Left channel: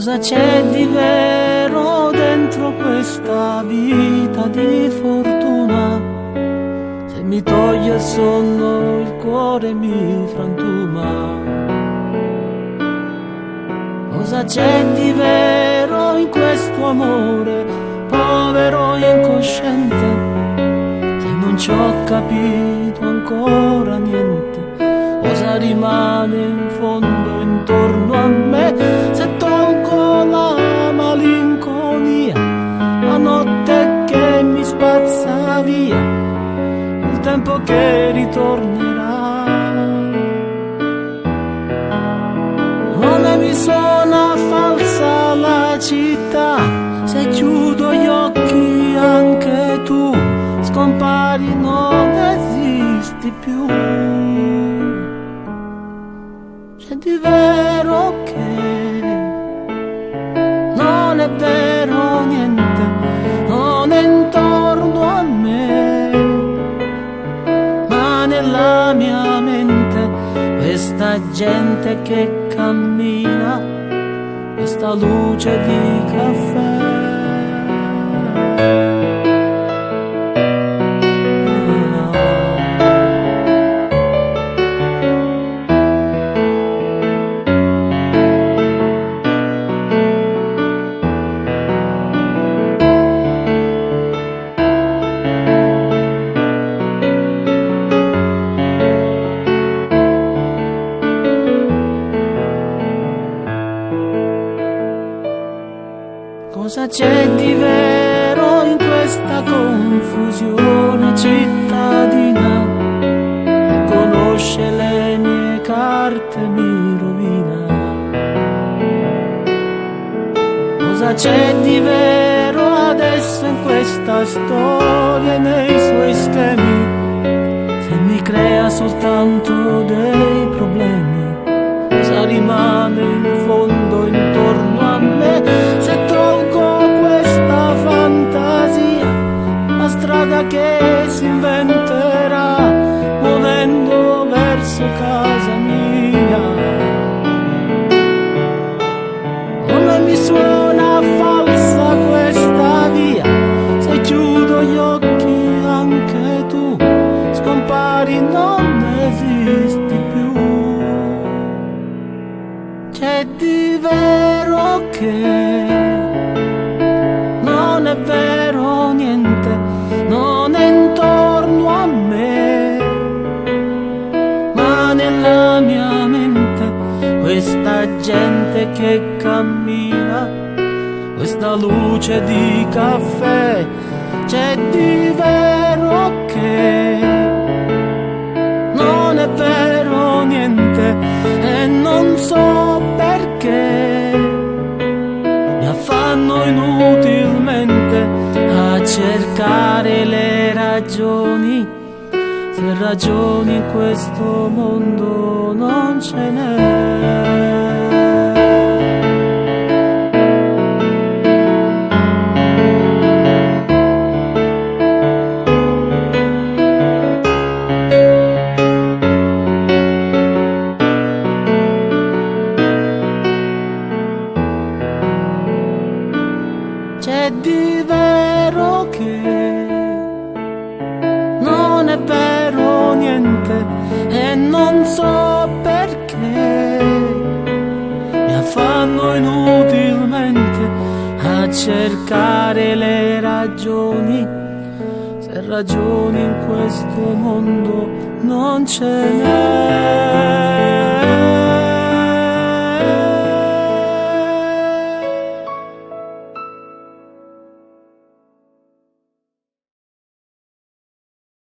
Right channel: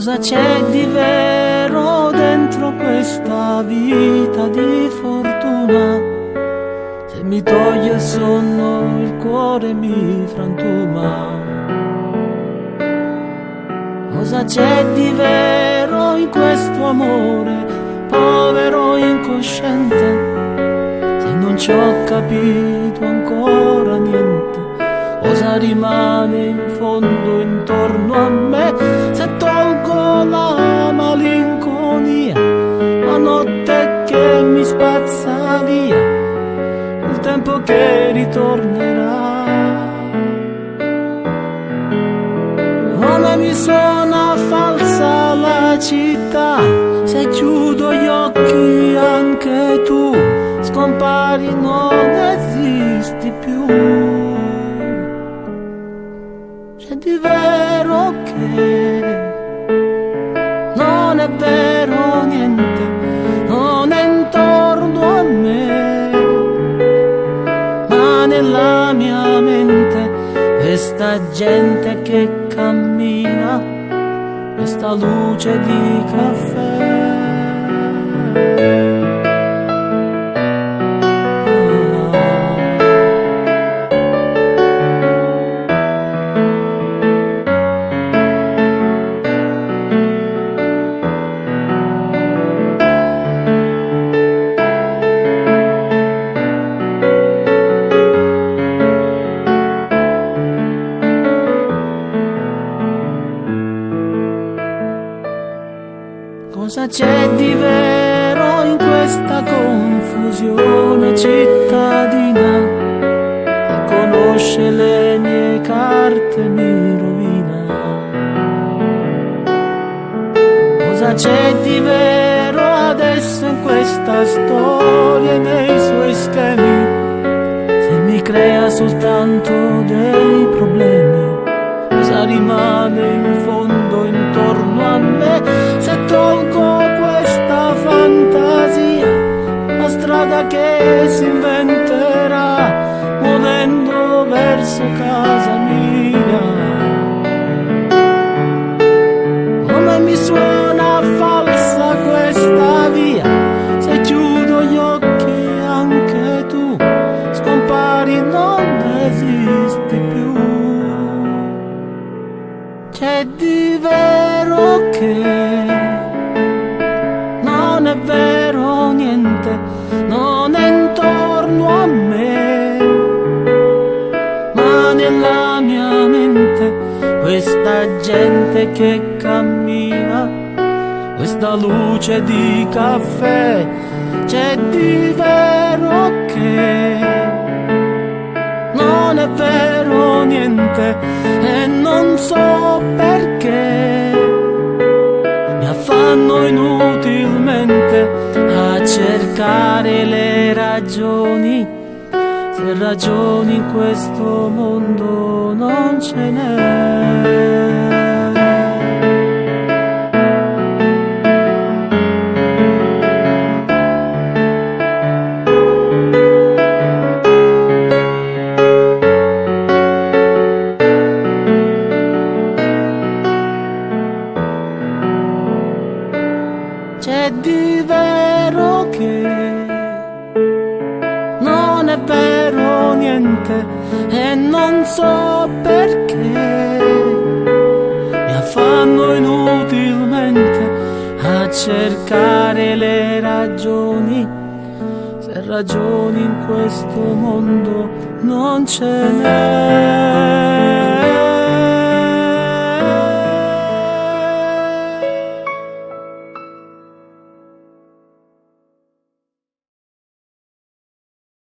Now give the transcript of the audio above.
Cosa c'è di vero dentro questa vita di fortuna? Se mi toglie il sonno, il cuore mi frantuma. Cosa c'è di vero in questo amore, povero incosciente? Se non ci ho capito ancora niente. Cosa rimane in fondo intorno a me se tolgo la malinconia, la notte che mi spazza via, il tempo che ritornerà? Come mi suona falsa la città, se chiudo gli occhi anche tu scompari, non esisti più. C'è di vero che non è vero niente, non è intorno a me, ma nella mia mente questa gente che cammina, questa luce di caffè. Cosa c'è di vero in questa confusione cittadina? Chi conosce le mie carte mi rovina. Cosa c'è di vero adesso in questa storia e nei suoi schemi? Se mi crea soltanto dei problemi. Cosa rimane in fondo intorno a me se tolgo questa fantasia, la strada che si inventerà muovendo verso casa mia? Come mi suona falsa questa via, se chiudo gli occhi anche tu scompari, non esisti più. C'è di vero che non è vero niente, non è intorno a me, ma nella mia mente questa gente che cammina, questa luce di caffè. C'è di vero che non è vero niente e non so perché mi affanno inutilmente a cercare le ragioni, se ragioni in questo mondo non ce n'è. C'è di vero che non è vero niente e non so perché mi affanno inutilmente a cercare le ragioni, se ragioni in questo mondo non ce n'è.